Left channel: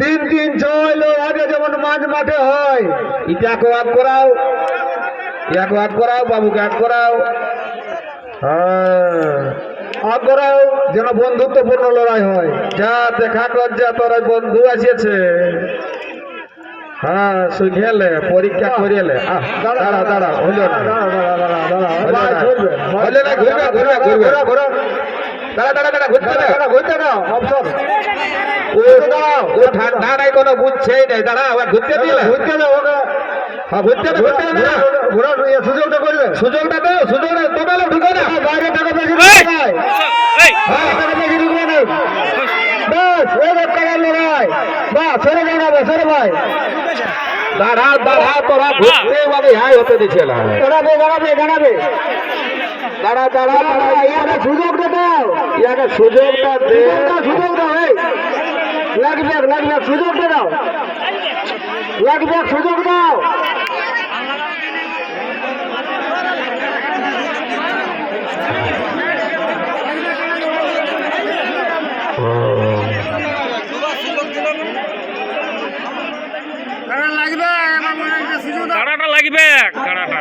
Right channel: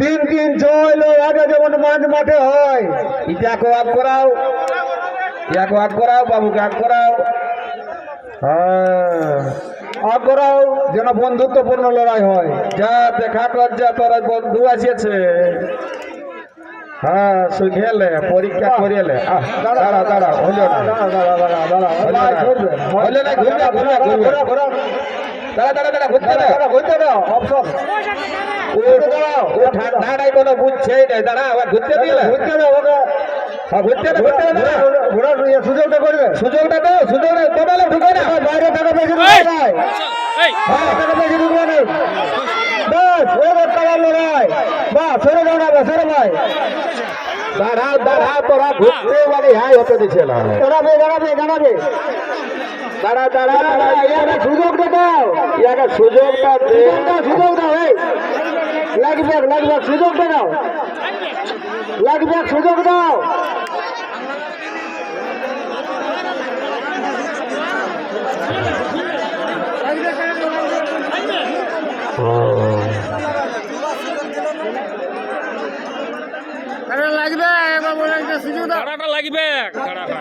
3-3 হইলো আগে যেমন মাঝ মাঠে হয়। ইটাকে এক করাও, ইয়াকে এক করাও, বাবুকে এক করাও। হ্যাঁ এক করাও, যেন বন্ধুত্বপূর্ণ লড়াই হয়। যা দেখা কর, যা তোর বন্ধু আসিয়েছে। হ্যাঁ শুনেলে পরীক্ষা করিলে। দাঁড়া দাঁড়া, হইল না, হইলে না, ঘুরবে ঘুরবে ঘুরবে, দাঁড়া দাঁড়া দাঁড়া, ঘুরতে দাও, ঘুরতে দাও, অপশন ও ঠান্ডা নাই, কোনো বুঝছেই নাই। দাঁড়া ঘুরতে দিলে, ঘুরতে দাও ওকে। হ্যাঁ ঘুরতে দাও, ঘুরতে দাও, ঘোরার সুযোগটা করবে, সুযোগটা দাও, সুযোগটা তোমালে ঢুকে না, বাইরে টাকা বেশি ঢুকে যায়। হ্যাঁ টাকা বেশি ঢুকবে না, বাস ওই কালার লড়াই। বাস সরে দাঁড়াবে, সরে ভাই, দাঁড়া দাঁড়া, তোরা ঘুরতে মানে হাই হতে দিচ্ছে না। দাঁড়াবে দাঁড়াবে দাঁড়াবে, দাঁড়া দাঁড়া দাঁড়া, ইয়াকে সুযোগটা দাও, ইয়াকে সুযোগটা দে, সুযোগ দাও। এই লাগবে লাগবে, সুযোগটা দাও, লাগবে সুযোগ দাও। কাড়াটা লাগবে, কাড়াটা